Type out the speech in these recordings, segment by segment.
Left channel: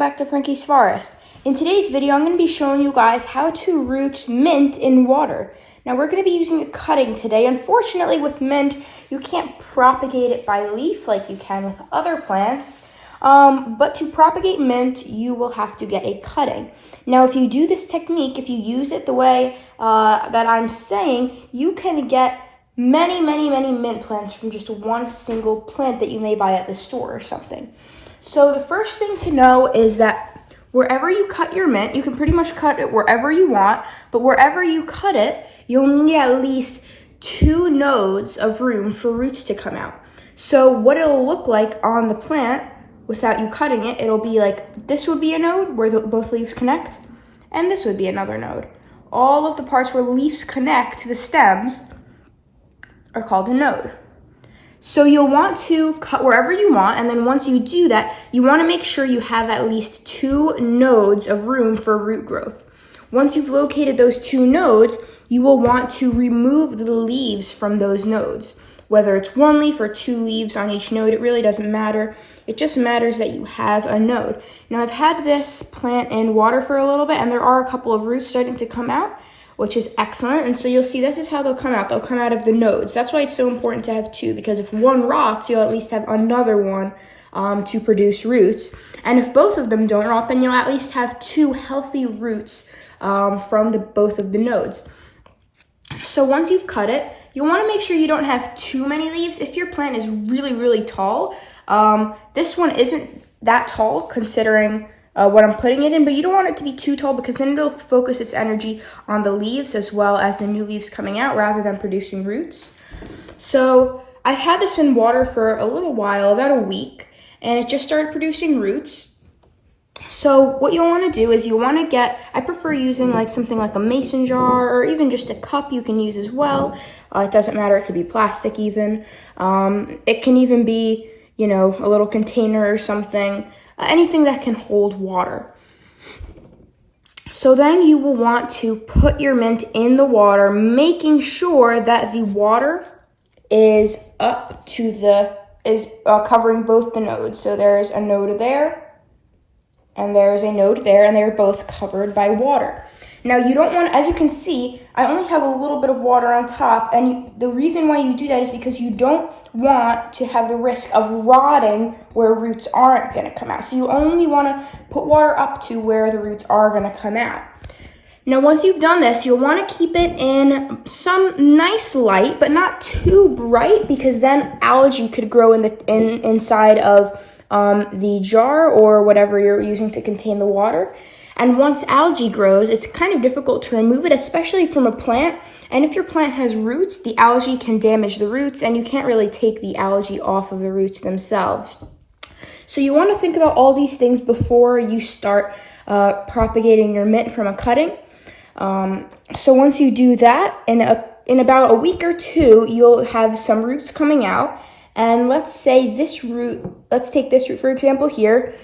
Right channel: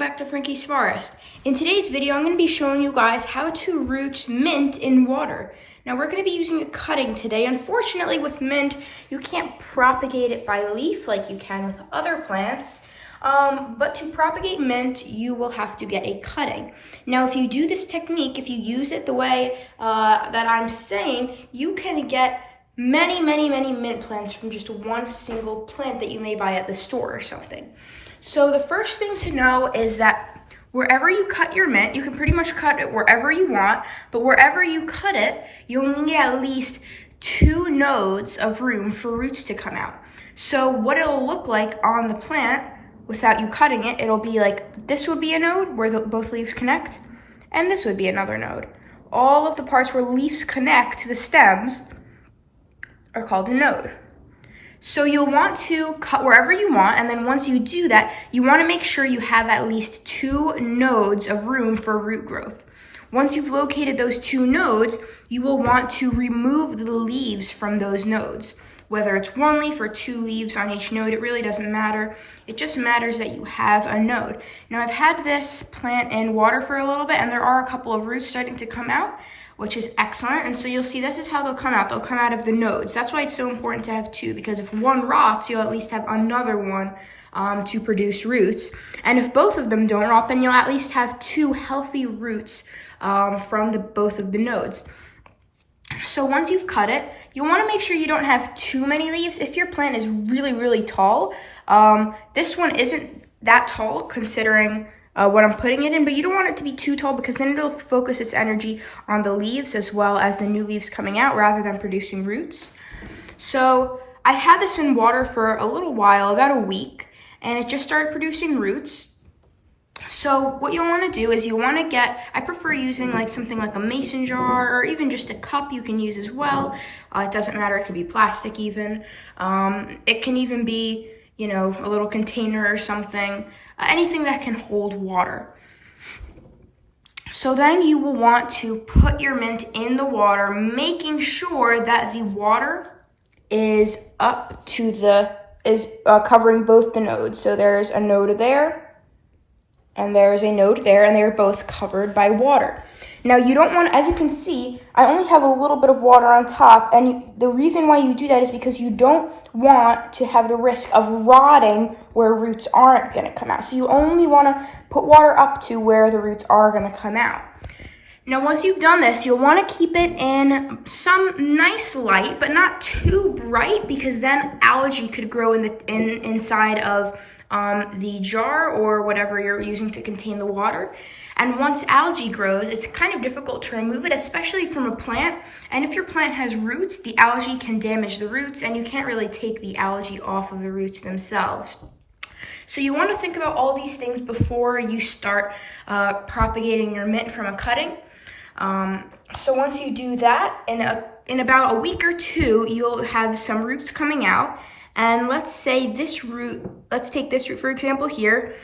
back to Frankie's Forest. In today's video, I'm going to be showing you guys how to root mint in water. Now we're going to be using a cutting today. Unfortunately with mint, you can't propagate it by leaf like you can with other plants. But to propagate mint, you will have to get a cutting. Now if you do this technique, if you use it the way that I'm saying, you can get many mint plants from just one single plant that you may buy at the store or something. So the first thing to know is that wherever you cut your mint, you can pretty much cut it wherever you want, but wherever you cut it, you'll need at least 2 nodes of room for roots to come out. So what it'll look like on the plant without you cutting it, it'll be like this would be a node where both leaves connect, and this would be another node. All of the parts where leaves connect to the stems are called a node. So you'll want to cut wherever you want, and then once you do that, you want to make sure you have at least 2 nodes of room for root growth. Once you've located those 2 nodes, you will want to remove the leaves from those nodes. Whether it's 1 leaf or 2 leaves on each node, it really doesn't matter. It just matters that you have a node. Now I've had this plant in water for a little bit, and there are a couple of roots starting to come out, which is excellent. And so you'll see this is how they'll come out. They'll come out of the nodes. That's why it's so important to have 2, because if one rots, you'll at least have another one to produce roots. And if both of them don't rot, then you'll at least have 2 healthy roots from both of the nodes. So once you've cut it, you want to make sure you don't have too many leaves. If your plant is really tall, this one isn't that tall considering what I'm putting it in, but you don't want it to be too tall because then it'll focus its energy on the leaves as well as the new leaves coming out rather than producing roots. So I had this in water for a little while, about a week, and it just started producing roots. So what you'll want to do is you'll want to I prefer using like something like a mason jar or even just a cup you can use as well. It doesn't matter, it could be plastic even. It can even be, a little container or something. Anything that can hold water. So then you will want to put your mint in the water, making sure that the water is covering both the nodes. So there's a node there, and there's a node there, and they're both covered by water. Now you don't want, as you can see, I only have a little bit of water on top, and the reason why you do that is because you don't want to have the risk of rotting where roots aren't going to come out. So you only want to put water up to where the roots are going to come out. Now once you've done this, you'll want to keep it in some nice light, but not too bright, because then algae could grow inside of the jar or whatever you're using to contain the water. And once algae grows, it's kind of difficult to remove it, especially from a plant. And if your plant has roots, the algae can damage the roots, and you can't really take the algae off of the roots themselves. So you want to think about all these things before you start propagating your mint from a cutting. So once you do that, in about a week or 2, you'll have some roots coming out. And let's take this root for example here.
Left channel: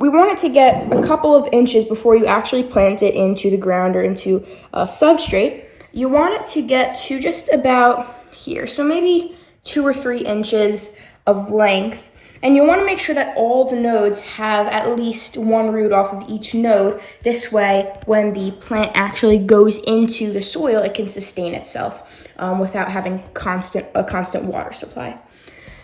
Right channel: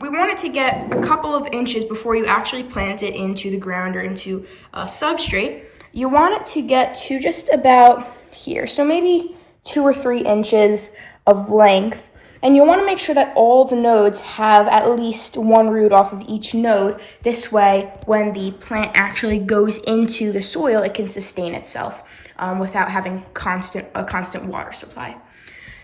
We want it to get a couple of inches before you actually plant it into the ground or into a substrate. You want it to get to just about here, so maybe 2 or 3 inches of length. And you want to make sure that all the nodes have at least 1 root off of each node. This way, when the plant actually goes into the soil, it can sustain itself without having a constant water supply.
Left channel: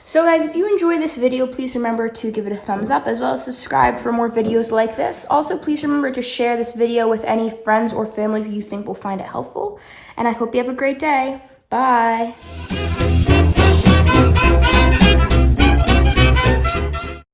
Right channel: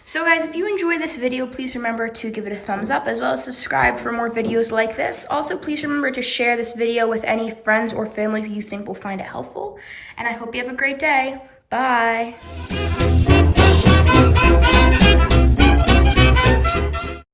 So guys, if you enjoyed this video, please remember to give it a thumbs up as well as subscribe for more videos like this. Also, please remember to share this video with any friends or family who you think will find it helpful. And I hope you have a great day. Bye.